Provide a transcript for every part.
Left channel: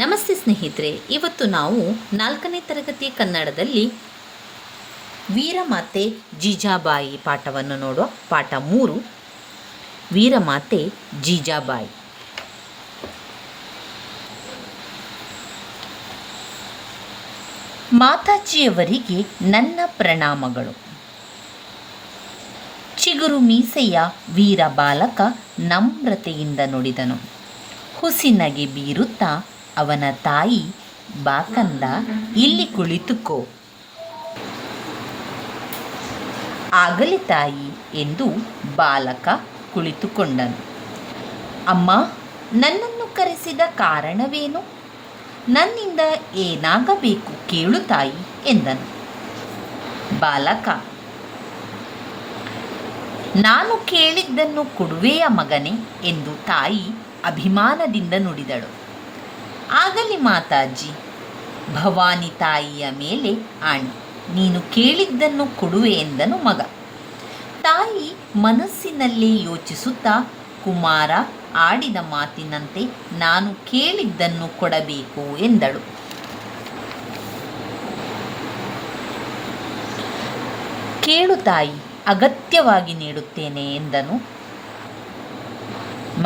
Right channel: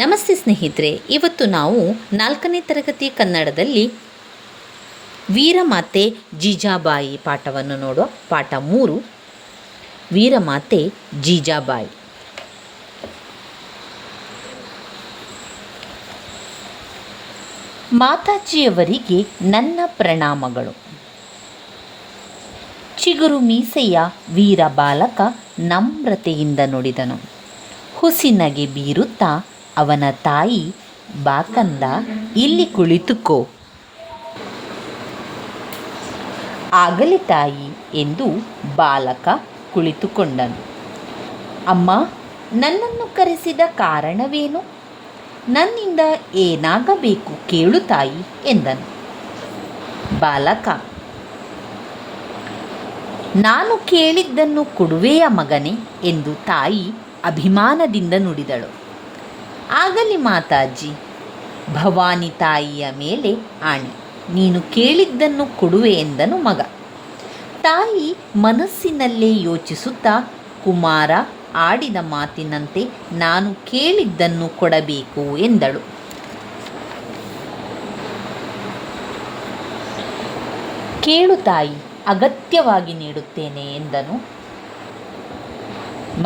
ನಮಸ್ತೆ ಸ್ನೇಹಿತರೆ, ಇವತ್ತು ನಾವು 4ನೇ ತರಗತಿ ಕನ್ನಡದಲ್ಲಿ ವೀರಮಾತೆ ಜೀಜಾಬಾಯಿ ಪಾಠವನ್ನು ನೋಡುವ. ಪಾಠ 3, ವೀರಮಾತೆ ಜೀಜಾಬಾಯಿ. ಮಾತಾಜಿಯವರಿಗೆ ನನ್ನ ಪ್ರಣಾಮಗಳು. ಚಿಗುರು ಮೀಸೆಯ ವೀರ ಬಾಲಕ ನಮ್ರತೆಯಿಂದ ನುಡಿದನು. ಹುಸಿನಗೆ ಬೀರುತ್ತಾ ಅವನ ತಾಯಿ, ಬಾಕಂದ ಇಲ್ಲಿ ಕುಳಿತುಕೋ. ಆಗಲಿ ತಾಯಿ ಎಂದು ಬಾಲಕ ಕುಳಿತುಕೊಂಡನು. ಅಮ್ಮ, ನನ್ನನ್ನು ಕರೆಸಿದ ಕಾರಣವೇನು? ನನ್ನಿಂದ ಏನಾಗಬೇಕು ಕೇಳು ತಾಯಿ ಎಂದನು. ಬಾಲಕ, ನಾನು ಕೇಳಿದ್ದನ್ನು ಕೊಡುವೆಯ ಮಗನೇ ಎಂದು ತಾಯಿ ಅಭಿಮಾನದಿಂದ ನುಡಿದಳು. ಆಗಲಿ ಮಾತಾಜಿ, ಭವಾನಿ ತಾಯಿಯ ಮೇಲೆ ಆಣೆ, ನೀನು ಕೇಳಿದ್ದನ್ನು ಕೊಡುವೆ ಎಂದನು ಮಗ. ತಾಯಿ ಮನಸ್ಸಿನಲ್ಲೇ ಯೋಚಿಸುತ್ತಾ, ಕುಮಾರ ಆಡಿದ ಮಾತಿನಂತೆ ನಾನು ಕೇಳಿದ್ದನ್ನು ಕೊಡಬೇಕು ಎಂದಳು. ಕೇಳು ತಾಯಿ, ಅಗತ್ಯವಾಗಿ ನೀಡುತ್ತೇನೆ ಎಂದನು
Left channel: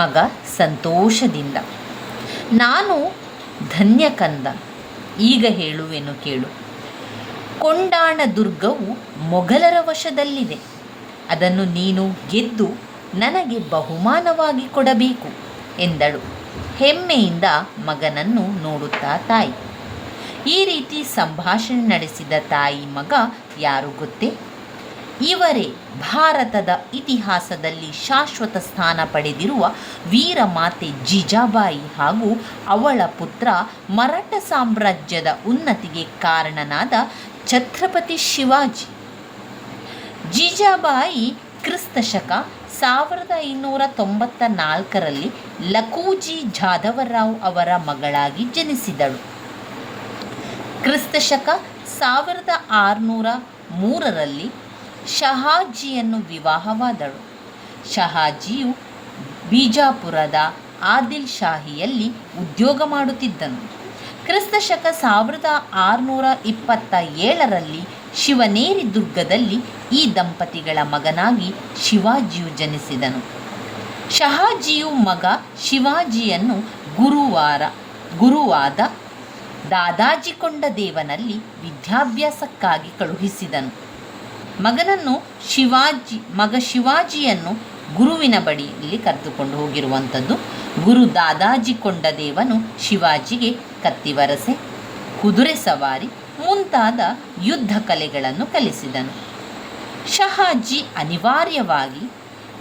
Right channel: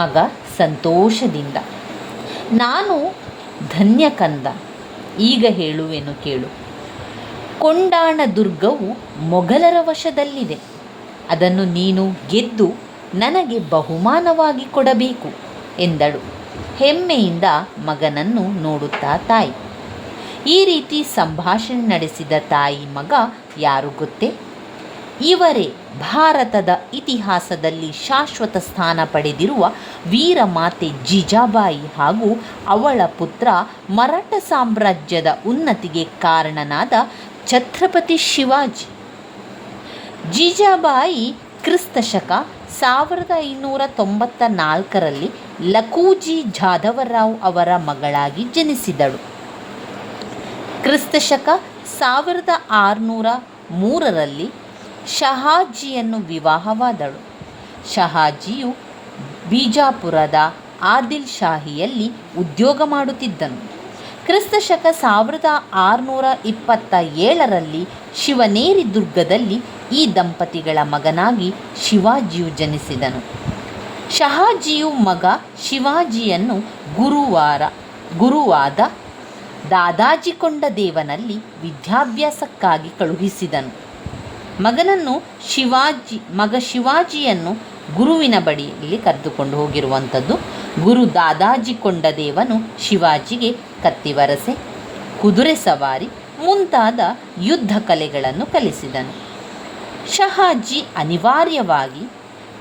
ಮಗ ಸಂತೋಷದಿಂದ. ನಾನು ಧನ್ಯ ಕಂದ, ಈಗ ಹೇಳುವೆನು ಕೇಳು. ಕೊಂಡಾಣ ದುರ್ಗವು ಮೊಘಲರ ವಶದಲ್ಲಿದೆ. ಅದನ್ನು ನೀನು ಗೆದ್ದು ನನಗೆ ಬಹುಮಾನವಾಗಿ ಕೊಡಬೇಕು ಎಂದಳು ಹೆಮ್ಮೆಯಿಂದ ಮಗನನ್ನು ನೋಡುತ್ತಾ ತಾಯಿ. ಈ ರೀತಿ ಸಂಭಾಷಣೆ ನಡೆಸಿದ ತಾಯಿ ಮಗ ಯಾರು ಗೊತ್ತೇ? ಇವರೇ ಭಾರತದ ಇತಿಹಾಸದಲ್ಲಿ ಶಾಶ್ವತ ಸ್ಥಾನ ಪಡೆದಿರುವ ವೀರಮಾತೆ ಜೀಜಾಬಾಯಿ ಹಾಗೂ ಅವಳ ಪುತ್ರ ಮರಾಠ ಸಾಮ್ರಾಜ್ಯದ ಉನ್ನತಿಗೆ ಕಾರಣನಾದ ಛತ್ರಪತಿ ಶಿವಾಜಿ. ಜೀಜಾಬಾಯಿ ಕ್ರಿಸ್ತಶಕ 1594ರಲ್ಲಿ ಲಖೂಜಿ ಜಾಧವರಾವ್ ಅವರ ಮಗಳಾಗಿ ಜನಿಸಿದಳು. ಕ್ರಿಸ್ತಶಕ 1603ರಲ್ಲಿ ಶಹಾಜಿಯನ್ನು ವಿವಾಹವಾದಳು. ಶಹಾಜಿಯು ಬಿಜಾಪುರದ ಆದಿಲ್ ಶಾಹಿಯಲ್ಲಿ ಉದ್ಯೋಗ ಮಾಡುತ್ತಿದ್ದನು. ಕ್ರಿಸ್ತಶಕ 1627ರಲ್ಲಿ ಶಿವನೇರಿ ದುರ್ಗದಲ್ಲಿ ಈ ದಂಪತಿಗಳ ಮಗನಾಗಿ ಶಿವಾಜಿಯು ಜನಿಸಿದನು. ಶಹಾಜಿಯು ಮಗ ಶಿವಾಜಿಯನ್ನು ಗುರುವಾದ ದಾದಾಜಿ ಕೊಂಡದೇವನಲ್ಲಿ ವಿದ್ಯಾಭ್ಯಾಸಕ್ಕಾಗಿ ಕಳುಹಿಸಿದನು. ಮಗ ಶಿವಾಜಿಯನ್ನು ಗುರುವಿನ ಬಳಿಯಲ್ಲಿ ಕರೆದುಕೊಂಡು ಹೋಗಿರುವಂಥದ್ದು. ಗುರು ದಾದಾಜಿ ಕೊಂಡದೇವನು ಶಿವಾಜಿಗೆ ಕತ್ತಿವರಸೆ, ಕುದುರೆ ಸವಾರಿ ಮುಂತಾದ ಯುದ್ಧ ಕಲೆಗಳನ್ನು ಕಲಿಸಿದನು. ಶಹಾಜಿ ಅನಿವಾರ್ಯವಾಗಿ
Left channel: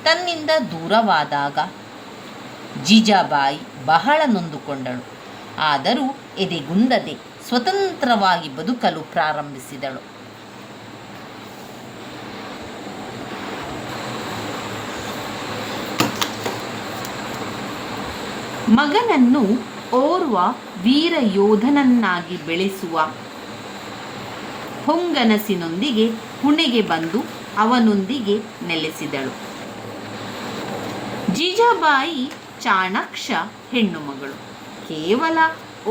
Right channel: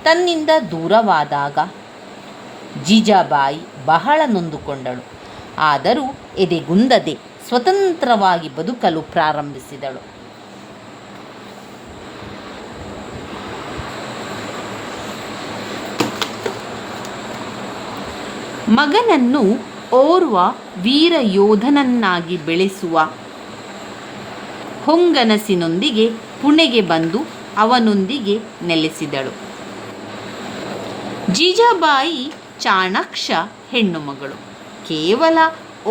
ತನ್ನಿಂದ ದೂರವಾದಾಗ ಜೀಜಾಬಾಯಿ ಬಹಳ ನೊಂದುಕೊಂಡಳು. ಆದರೂ ಎದೆಗುಂದದೆ ಸ್ವತಂತ್ರವಾಗಿ ಬದುಕಲು ಪ್ರಾರಂಭಿಸಿದಳು. ಮಗನನ್ನು ಓರ್ವ ವೀರ ಯೋಧನನ್ನಾಗಿ ಬೆಳೆಸುವ ಹೊಂಗನಸಿನೊಂದಿಗೆ ಪುಣೆಗೆ ಬಂದು ಅವನೊಂದಿಗೆ ನೆಲೆಸಿದಳು. ಜೀಜಾಬಾಯಿ ಚಾಣಾಕ್ಷ ಹೆಣ್ಣು ಮಗಳು. ಕೇವಲ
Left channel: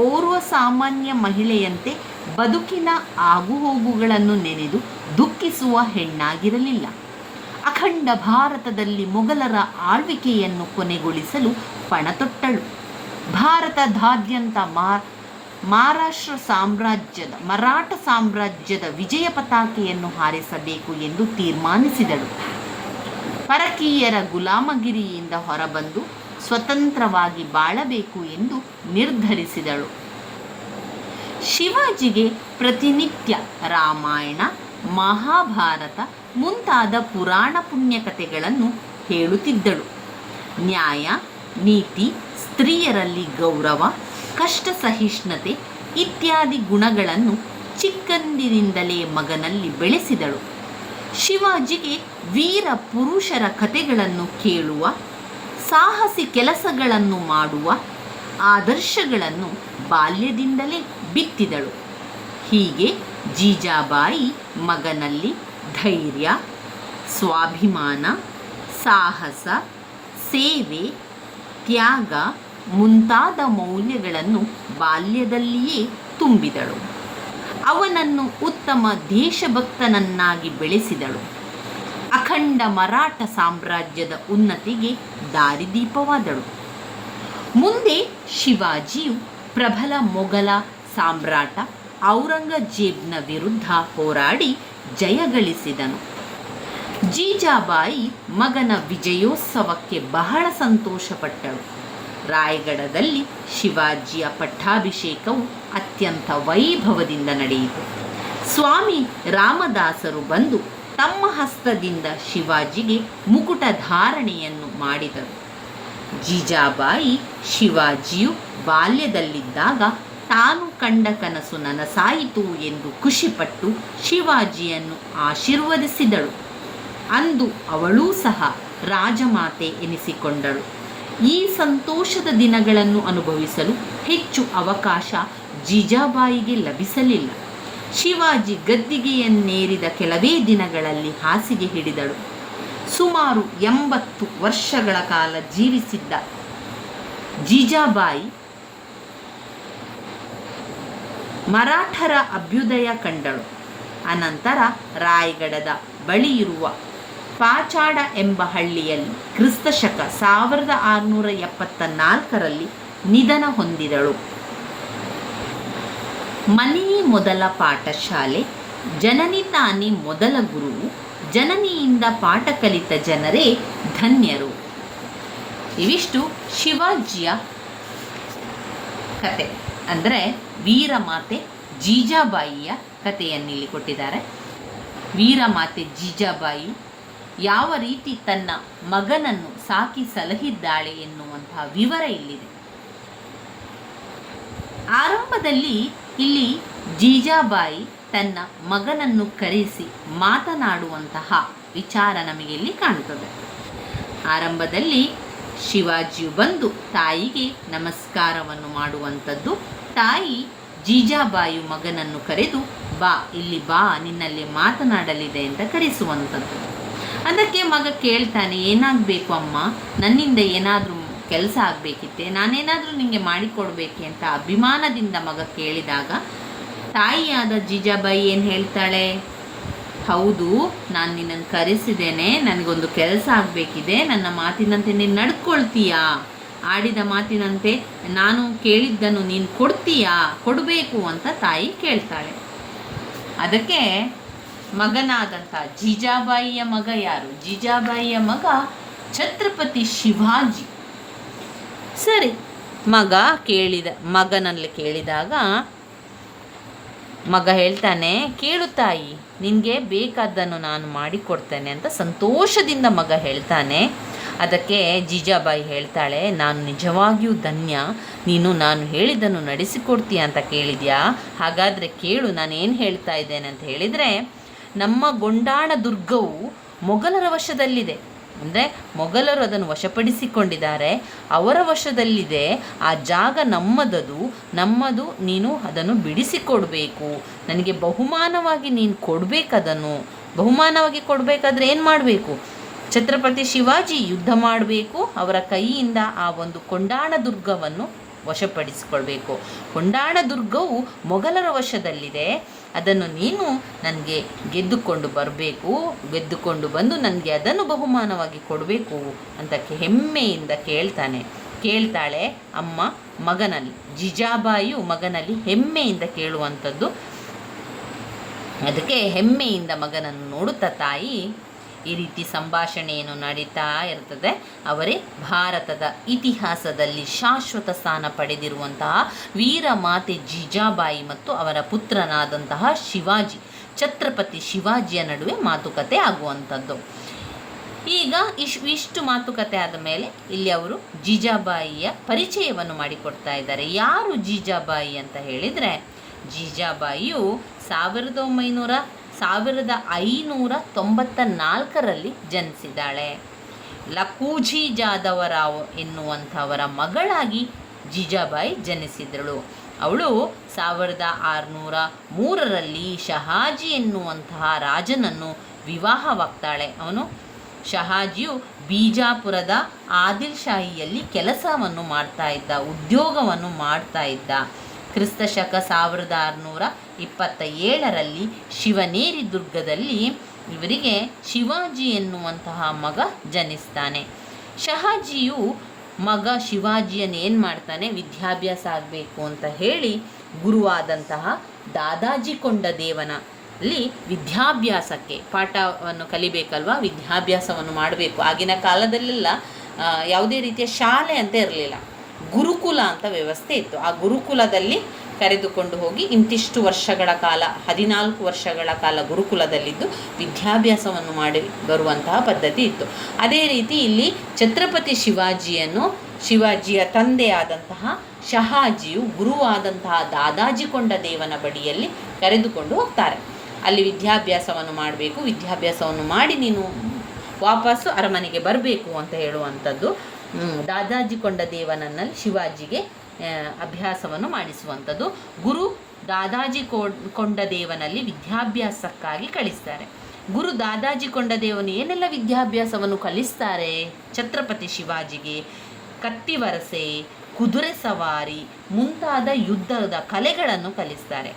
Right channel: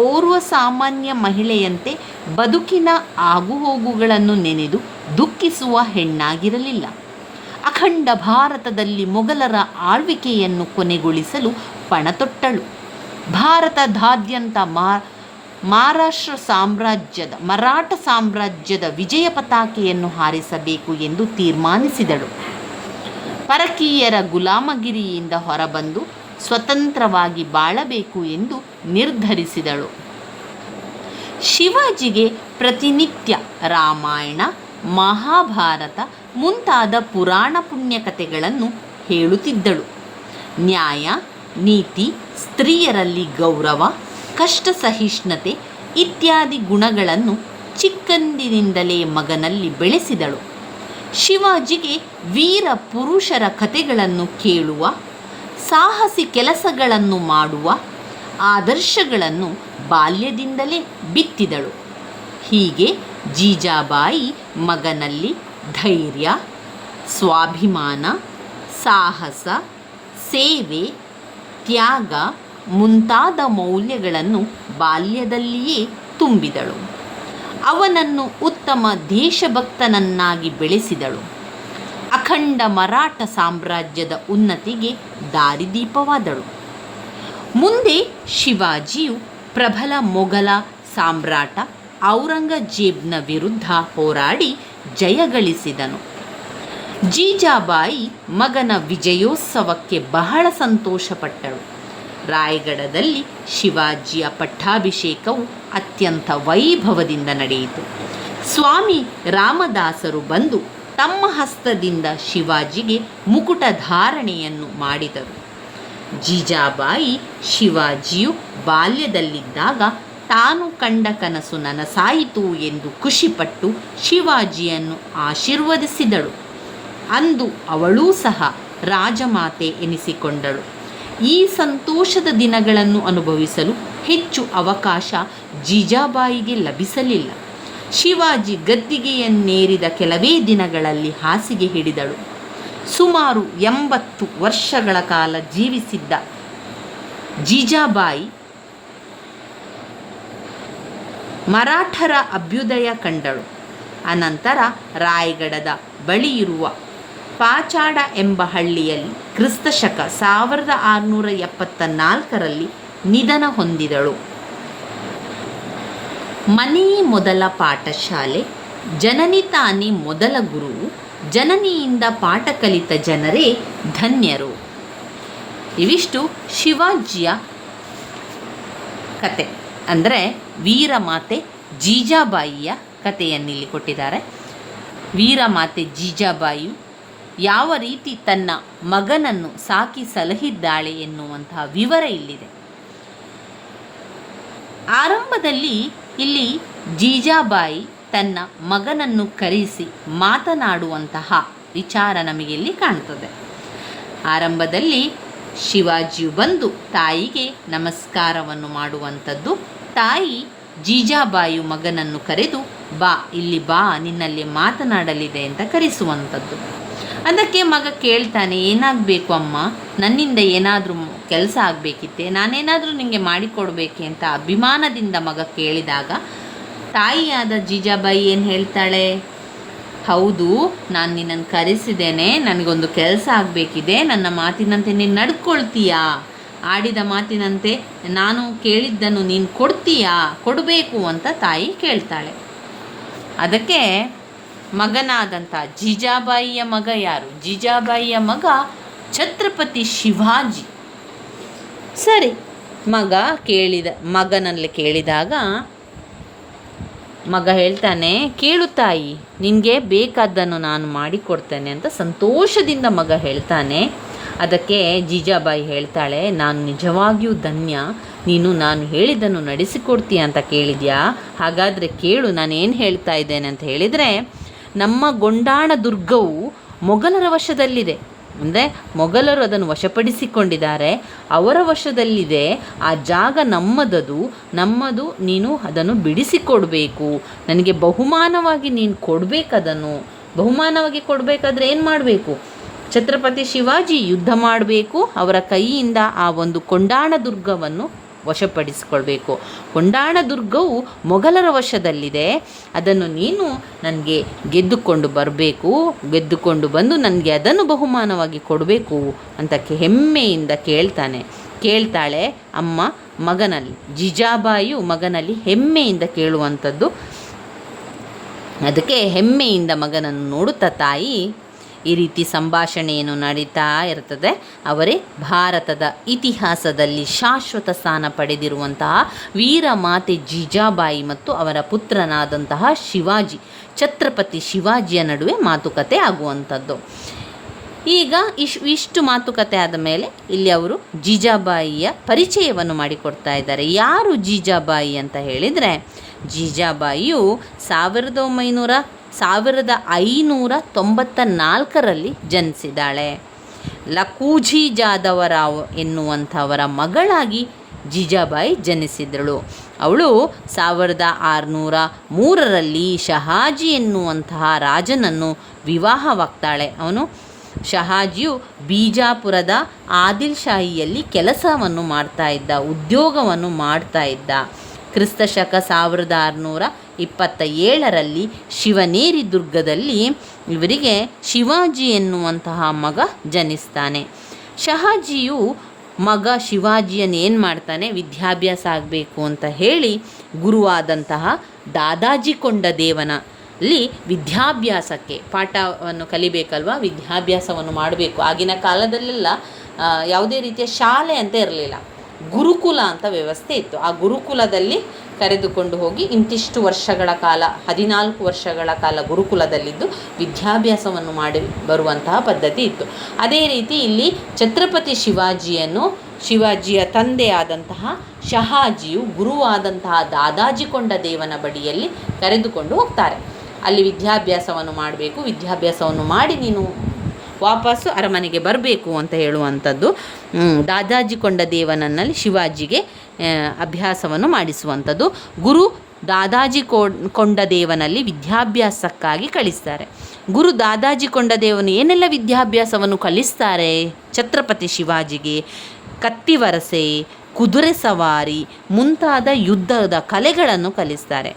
ಓರ್ವ ಸಾಮಾನ್ಯ ಮಹಿಳೆಯಂತೆ ಬದುಕಿನ ಆಗುಹೋಗುಗಳನ್ನು ನೆನೆದು ದುಃಖಿಸುವ ಹೆಣ್ಣಾಗಿರಲಿಲ್ಲ. ಅಖಂಡ ಭಾರತದಲ್ಲಿ ಮೊಘಲರ ಆಳ್ವಿಕೆಯನ್ನು ಕೊನೆಗೊಳಿಸಲು ಪಣತೊಟ್ಟಳು. ಭಾರತದಾದ್ಯಂತ ಮರಾಠ ಸಾಮ್ರಾಜ್ಯದ ವಿಜಯ ಪತಾಕೆಯನ್ನು ಹಾರಿಸಬೇಕು ಎಂದು ತೀರ್ಮಾನಿಸಿದಳು. ಪರಕೀಯರ ಗುಲಾಮಗಿರಿಯಿಂದ ಹೊರಬಂದು ಸ್ವತಂತ್ರವಾಗಿ ಬಾಳಬೇಕು ಎಂದು ನಿರ್ಧರಿಸಿದಳು. ಶಿವಾಜಿಗೆ ಪ್ರತಿನಿತ್ಯ ರಾಮಾಯಣ, ಮಹಾಭಾರತ ಮುಂತಾದ ಪುರಾಣ ಪುಣ್ಯಕಥೆಗಳನ್ನು ಹೇಳುತ್ತಿದ್ದಳು. ನ್ಯಾಯ, ನೀತಿ, ಸ್ತ್ರೀಯರಲ್ಲಿ ಗೌರವ, ಕಷ್ಟ ಸಹಿಷ್ಣುತೆ ಇತ್ಯಾದಿ ಗುಣಗಳನ್ನು ಚಿಕ್ಕಂದಿನಿಂದಲೇ ಮಗನಲ್ಲಿ ಬೆಳೆಸಿದಳು. ಶಿವಾಜಿಗೆ ವೀರ ಪುರುಷರ ಕಥೆಗಳನ್ನು ಕೇಳುವ, ಸಾಹಸಿ ಕೆಲಸಗಳನ್ನು ಮಾಡುವ ಆದರ್ಶಗಳನ್ನು ಬಾಲ್ಯದಿಂದಲೇ ಬಿತ್ತಿದಳು. ಹೀಗೆ ಜೀಜಾಬಾಯಿ ಮಗನಲ್ಲಿ ಧೈರ್ಯ, ಸ್ವಾಭಿಮಾನ, ಸಾಹಸ, ಸೇವೆ, ತ್ಯಾಗ, ಮುಂತಾದ ಮೌಲ್ಯಗಳನ್ನು ಬಾಲ್ಯದಲ್ಲಿಯೇ ತುಂಬಿದಳು. ಅವನನ್ನು ಉತ್ತಮ ದೇಶಭಕ್ತನನ್ನಾಗಿ ಬೆಳೆಸಿದಳು. ಅಖಂಡ ಮರಾಠ ಸಾಮ್ರಾಜ್ಯದ ಉನ್ನತಿಗೆ ದಾರಿದೀಪವಾದಳು. ಮುಂದೆ ಶಿವಾಜಿಯು ಪ್ರಬಲ ಮೊಘಲ ಸಾಮ್ರಾಟ ಔರಂಗಜೇಬ್ನ ವಿರುದ್ಧ ಹೋರಾಡಿ ಜಯಗಳಿಸಿದನು. ಜೀಜಾಬಾಯಿ ಮಗನ ವಿಜಯೋತ್ಸವಕ್ಕೆ ಬಹಳ ಸಂತೋಷಪಟ್ಟಳು. ರಾಯಗಢದಲ್ಲಿ ಶಿವಾಜಿಯ ಪಟ್ಟಾಭಿಷೇಕವು ಅತ್ಯಂತ ವೈಭವದಿಂದ ನಡೆಯಿತು. ಸ್ವಾಮಿ ರಾಮದಾಸರು ಬಂದು ತಮ್ಮ ಹಸ್ತದಿಂದ ಶಿವಾಜಿಗೆ ಮುಕುಟ ಧಾರಣೆಯನ್ನು ಮಾಡಿದರು. ಜೀಜಾಬಾಯಿ ಶಿವಾಜಿಯು ಬಾಲ್ಯದಲ್ಲಿದ್ದಾಗ ತಾನು ಕಂಡ ಕನಸು ನನಸಾಯಿತು ಎಂದು ಖುಷಿಪಟ್ಟು ಶಿವಾಜಿಯನ್ನು ಆಶೀರ್ವದಿಸಿದಳು. ಅಂದು ಅವಳೂ ಸಹ ರಾಜಮಾತೆ ಎನಿಸಿಕೊಂಡಳು. ಈ ಸಂತೋಷದ ದಿನಗಳನ್ನು ಅನುಭವಿಸಲು ಹೆಚ್ಚು ಅವಕಾಶ ಜೀಜಾಬಾಯಿಗೆ ಲಭಿಸಲಿಲ್ಲ. ಶಿವಾಜಿ ಗದ್ದಿಗೆಯನ್ನೇರಿದ ಕೆಲವೇ ದಿನಗಳಲ್ಲಿ ಹಾಸಿಗೆ ಹಿಡಿದಳು. ಸುಮಾರು 80 ವರ್ಷಗಳ ಕಾಲ ಜೀವಿಸಿದ್ದ ಜೀಜಾಬಾಯಿ ಮರಾಠರ ಅಭ್ಯುದಯ ಕಂಡಳು. ಅನಂತರ ರಾಯಗಢದ ಬಳಿಯಿರುವ ಪಾಚಾಡ ಎಂಬ ಹಳ್ಳಿಯಲ್ಲಿ ಕ್ರಿಸ್ತಶಕ 1674ರಲ್ಲಿ ನಿಧನ ಹೊಂದಿದಳು. ಮನೆಯೇ ಮೊದಲ ಪಾಠಶಾಲೆ, ಜನನಿ ತಾನೇ ಮೊದಲ ಗುರುವು, ಜನನಿಯಿಂದ ಪಾಠ ಕಲಿತ ಜನರೇ ಧನ್ಯರು. ಇವಿಷ್ಟು ಶಿವಾಜಿಯ ಕತೆ, ಅಂದರೆ ವೀರಮಾತೆ ಜೀಜಾಬಾಯಿಯ ಕಥೆಯನ್ನಿಲ್ಲಿ ಕೊಟ್ಟಿದ್ದಾರೆ. ವೀರಮಾತೆ ಜೀಜಾಬಾಯಿ ಯಾವ ರೀತಿ ತನ್ನ ಮಗನನ್ನು ಸಾಕಿ ಸಲಹಿದ್ದಾಳೆ ಎನ್ನುವಂತಹ ವಿವರ ಇಲ್ಲಿದೆ. ಆರಂಭದಲ್ಲಿ ಇಲ್ಲಿ ಜೀಜಾಬಾಯಿ ತನ್ನ ಮಗನನ್ನು ಕರೆಸಿ ಮಾತನಾಡುವಂತಹ ವಿಚಾರ ನಮಗೆ ಇಲ್ಲಿ ಕಾಣುತ್ತದೆ. ಆರಂಭದಲ್ಲಿ ಶಿವಾಜಿಯು ಬಂದು ತಾಯಿಗೆ ನಮಸ್ಕಾರವನ್ನು ಮಾಡುವಂಥದ್ದು. ತಾಯಿ ಜೀಜಾಬಾಯಿಯು ಮಗನನ್ನು ಕರೆದು ಬಾ, ಇಲ್ಲಿ ಬಾ, ನಿನ್ನಲ್ಲಿ ಮಾತನಾಡಲಿದೆ ಅಂತ ಕರೆಸುವಂಥದ್ದು. ಅದಕ್ಕೆ ಮಗ ಕೇಳ್ತಾನೆ, ಏನಾಗಬೇಕು ಅಮ್ಮ, ನನ್ನಿಂದ ಏನಾದರೂ ಕೆಲಸ ಆಗಬೇಕಿತ್ತೆ, ನಾನೇನಾದರೂ ನಿಮಗೆ ಮಾಡಿಕೊಡ್ಬೇಕೆ ಅಂತ ಅಭಿಮಾನದಿಂದ ಮಗ ಕೇಳಿದಾಗ ತಾಯಿಯಾದ ಜೀಜಾಬಾಯಿ ಏನು ಹೇಳ್ತಾಳೆ, ಹೌದು, ನಾನು ನಿನ್ನನ್ನು ಕರೆಸಿದ್ದೇನೆ, ನನಗೊಂದು ಕೆಲಸ ಆಗಬೇಕಿದೆ, ನನ್ನ ಮಾತಿನಂತೆ ನೀನು ನಡ್ಕೊಳ್ತೀಯಾ, ಆಡಿದ ಮಾತಿನಂತೆ ನಾನು ಕೇಳಿದ್ದನ್ನು ನೀನು ಕೊಡ್ತೀಯಾ, ಕೊಡಬೇಕು ಅಂತ ತಾಯಿ ಕೇಳ್ತಾಳೆ. ಅದಕ್ಕೆ ಮಗನಾದಂಥ ಜೀಜಾಬಾಯಿಯ ಮಗ ಯಾರು? ಜೀಜಾಬಾಯಿಯ ಮಗ ಛತ್ರಪತಿ ಶಿವಾಜಿ. ಸರಿ, ಮಗನಲ್ಲಿ ಕೇಳಿದಾಗ ಮಗ ಹೇಳ್ತಾನೆ, ಕೇಳು ತಾಯಿ, ನಿನಗೆ ಬೇಕಾದ್ದನ್ನು ನಾನು ಮಾಡಿಕೊಡ್ತೇನೆ ಅಂತ ಸಂತೋಷದಿಂದ ಮಗ ಹೇಳ್ತಾನೆ. ಅದಕ್ಕೆ ಜೀಜಾಬಾಯಿ ಹೇಳ್ತಾಳೆ, ನಾನು ನಿಜವಾಗಿಯೂ ಧನ್ಯ, ನೀನು ನಾನು ಹೇಳಿದ್ದನ್ನು ನಡೆಸಿಕೊಡ್ತೀಯ ಅಂತ ಕೇಳಿದ್ಯಾ? ಹಾಗಾದರೆ ಕೇಳು, ನಾನೇನು ಹೇಳ್ತಾ ಇದ್ದೇನೆ ಅಂತ ಹೇಳಿದರೆ, ನಮ್ಮ ಗೊಂಡಾಣ ದುರ್ಗವು ಮೊಘಲರ ವಶದಲ್ಲಿದೆ. ಅಂದರೆ ಮೊಘಲರು ಅದನ್ನು ವಶಪಡಿಸಿಕೊಂಡಿದ್ದಾರೆ, ಅವರ ವಶದಲ್ಲಿದೆ. ಆ ಜಾಗ ನಮ್ಮದು, ನೀನು ಅದನ್ನು ಬಿಡಿಸಿಕೊಡಬೇಕು, ನನಗೆ ಬಹುಮಾನವಾಗಿ ನೀನು ಕೊಡಬೇಕದನ್ನು. ಬಹುಮಾನವಾಗಿ ಕೊಡಬೇಕಾದ್ರೆ ಏನು ಮಾಡಬೇಕು? ಛತ್ರಪತಿ ಶಿವಾಜಿ ಯುದ್ಧ ಮಾಡಬೇಕು, ಅವರ ಕೈಯಿಂದ ಆ ಒಂದು ಕೊಂಡಾಣ ದುರ್ಗವನ್ನು ವಶಪಡಿಸಿಕೊಳ್ಬೇಕು. ಕೊಂಡಾಣ ದುರ್ಗವು ಮೊಘಲರ ವಶದಲ್ಲಿದೆ, ಅದನ್ನು ನೀನು ನನಗೆ ಗೆದ್ದುಕೊಂಡು ಗೆದ್ದುಕೊಂಡು ಬಂದು ನನಗೆ ಅದನ್ನು ಬಹುಮಾನವಾಗಿ ಕೊಡಬೇಕು ಅಂತ ಹೆಮ್ಮೆಯಿಂದ ಕೇಳ್ತಾಳೆ ಅಮ್ಮ ಮಗನಲ್ಲಿ. ಜೀಜಾಬಾಯಿಯು ಮಗನಲ್ಲಿ ಹೆಮ್ಮೆಯಿಂದ ಕೇಳುವಂಥದ್ದು. ಅದಕ್ಕೆ ಹೆಮ್ಮೆಯಿಂದ ಮಗನನ್ನು ನೋಡುತ್ತಾ ತಾಯಿ ಈ ರೀತಿ ಸಂಭಾಷಣೆಯನ್ನು ನಡೀತಾ ಇರ್ತದೆ. ಅವರೇ ಭಾರತದ ಇತಿಹಾಸದಲ್ಲಿ ಶಾಶ್ವತ ಸ್ಥಾನ ಪಡೆದಿರುವಂತಹ ವೀರಮಾತೆ ಜೀಜಾಬಾಯಿ ಮತ್ತು ಅವರ ಪುತ್ರನಾದಂತಹ ಛತ್ರಪತಿ ಶಿವಾಜಿಯ ನಡುವೆ ಮಾತುಕತೆ ಆಗುವಂಥದ್ದು. ಈಗ ಇಷ್ಟು ಮಾತುಕತೆ ಆದ ಮೇಲೆ ಇಲ್ಲಿ ಅವರು ಜೀಜಾಬಾಯಿಯ ಪರಿಚಯವನ್ನು ಮಾಡಿಕೊಡ್ತಾ ಇದ್ದಾರೆ. ಯಾರು ಜೀಜಾಬಾಯಿ ಅಂತ ಹೇಳಿದರೆ, ಜೀಜಾಬಾಯಿಯು 1594ರಲ್ಲಿ ಜನಿಸಿದ್ದಾಳೆ. ಲಖೂಜಿ ಜಾದವರಾವ್ ಎನ್ನುವಂಥವರ ಮಗಳಾಗಿ ಜೀಜಾಬಾಯಿ ಜನಿಸಿದಳು. ಅವಳು 1603ರಲ್ಲಿ ಶಹಾಜಿ ಎನ್ನುವಂತಹ ರಾಜನನ್ನು ವಿವಾಹವಾಗ್ತಾಳೆ. ಅವನು ಶಹಾಜಿಯು ಬಿಜಾಪುರದ ಆದಿಲ್ ಶಾಹಿಯಲ್ಲಿ ಕೆಲಸವನ್ನು ಮಾಡ್ತಾ ಇದ್ದ, ಉದ್ಯೋಗವನ್ನು ಮಾಡ್ತಾ ಇದ್ದ. ಕ್ರಿಸ್ತಶಕ 1627ರಲ್ಲಿ ಶಿವನೇರಿ ದುರ್ಗದಲ್ಲಿ ಇವರಿಗೆ ಶಿವಾಜಿ ಎನ್ನುವಂತಹ ಮಗ ಜನಿಸ್ತಾನೆ. ಶಹಾಜಿಯು ಮಗ ಶಿವಾಜಿಯನ್ನು ಏನು ಮಾಡ್ತಾನೆ, ವಿದ್ಯಾಭ್ಯಾಸ ಆಗಬೇಕು ಅಂತ ಹೇಳಿ ಗುರುವಾದಂತಹ ದಾದಾಜಿ ಕೊಂಡದೇವನಲ್ಲಿ ವಿದ್ಯಾಭ್ಯಾಸಕ್ಕೆ, ಪಾಠವನ್ನು ಕಲಿಬೇಕಲ್ವ, ವಿದ್ಯಾಭ್ಯಾಸವನ್ನು ಮಾಡಬೇಕು. ಆಗಿನ ಕಾಲದಲ್ಲೆಲ್ಲ ಯಾವುದೇ ರೀತಿಯ ಶಾಲೆ ಅಂತ ಇರಲಿಲ್ಲ, ಗುರುಕುಲ ಅಂತ ವ್ಯವಸ್ಥೆ ಇತ್ತು. ಆ ಗುರುಕುಲದಲ್ಲಿ ಕರೆದುಕೊಂಡು ಹೋಗಿ ಇಂತಿಷ್ಟು ವರ್ಷಗಳ ಕಾಲ, 14 ವರ್ಷಗಳ ಕಾಲ ಗುರುಕುಲದಲ್ಲಿದ್ದು ವಿದ್ಯಾಭ್ಯಾಸವನ್ನು ಮಾಡಿ ಬರುವಂತಹ ಪದ್ಧತಿ ಇತ್ತು. ಅದೇ ರೀತಿ ಇಲ್ಲಿ ಛತ್ರಪತಿ ಶಿವಾಜಿಯ ತಂದೆಯಾದಂತಹ ಶಹಾಜಿಯು ಗುರುವಾದಂತಹ ದಾದಾಜಿ ಕೊಂಡದೇವನ ಬಳಿಯಲ್ಲಿ ಕರೆದುಕೊಂಡು ಹೋಗ್ತಾರೆ. ಅಲ್ಲಿ ವಿದ್ಯಾಭ್ಯಾಸವನ್ನು ಮಾಡಬೇಕು, ವಿದ್ಯಾಭ್ಯಾಸವನ್ನು ಮಾಡಿ ನೀನು ವಾಪಸ್ಸು ಅರಮನೆಗೆ ಬರಬೇಕು ಅಂತ ಹೇಳುವಂಥದ್ದು. ದಾದಾಜಿ ಕೊಂಡದೇವನಲ್ಲಿ ಶಿವಾಜಿಗೆ ಅಭ್ಯಾಸವನ್ನು ಮಾಡಿಸುವಂಥದ್ದು. ಗುರು ದಾದಾಜಿ ಕೊಂಡದೇವನಲ್ಲಿ ವಿದ್ಯಾಭ್ಯಾಸಕ್ಕಾಗಿ ಕಳಿಸ್ತಾರೆ. ಗುರು ದಾದಾಜಿ ಕೊಂಡದೇವನು ಏನೆಲ್ಲ ವಿದ್ಯಾಭ್ಯಾಸವನ್ನು ಕಲಿಸ್ತಾರೆ ಛತ್ರಪತಿ ಶಿವಾಜಿಗೆ? ಕತ್ತಿವರಸೆ, ಕುದುರೆ ಸವಾರಿ ಮುಂತಾದ ಯುದ್ಧದ ಕಲೆಗಳನ್ನು ಕಲಿಸ್ತಾರೆ.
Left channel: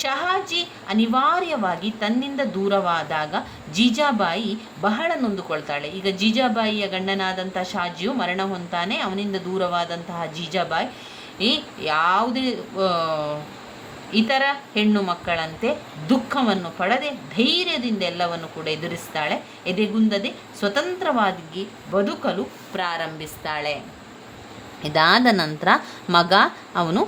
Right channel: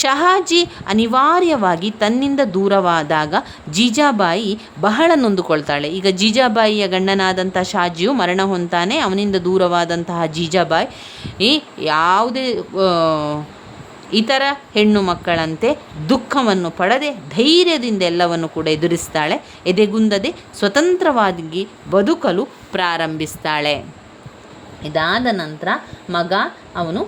ಶಹಾಜಿ ಅನಿವಾರ್ಯವಾಗಿ ತನ್ನಿಂದ ದೂರವಾದಾಗ ಜೀಜಾಬಾಯಿ ಬಹಳ ನೊಂದುಕೊಳ್ತಾಳೆ. ಈಗ ಜೀಜಾಬಾಯಿಯ ಗಂಡನಾದಂಥ ಶಾಜಿಯು ಮರಣ ಹೊಂತಾನೆ. ಅವನಿಂದ ದೂರವಾದಂತಹ ಜೀಜಾಬಾಯಿ ಯಾವುದೇ ಇತರ ಹೆಣ್ಣು ಮಕ್ಕಳಂತೆ ದುಃಖವನ್ನು ಪಡದೆ ಧೈರ್ಯದಿಂದ ಎಲ್ಲವನ್ನು ಕೂಡ ಎದುರಿಸ್ತಾಳೆ. ಎದೆಗುಂದದೆ ಸ್ವತಂತ್ರವಾಗಿ ಬದುಕಲು ಪ್ರಾರಂಭಿಸ್ತಾಳೆ. ಇದಾದ ನಂತರ ಮಗ ಅವನು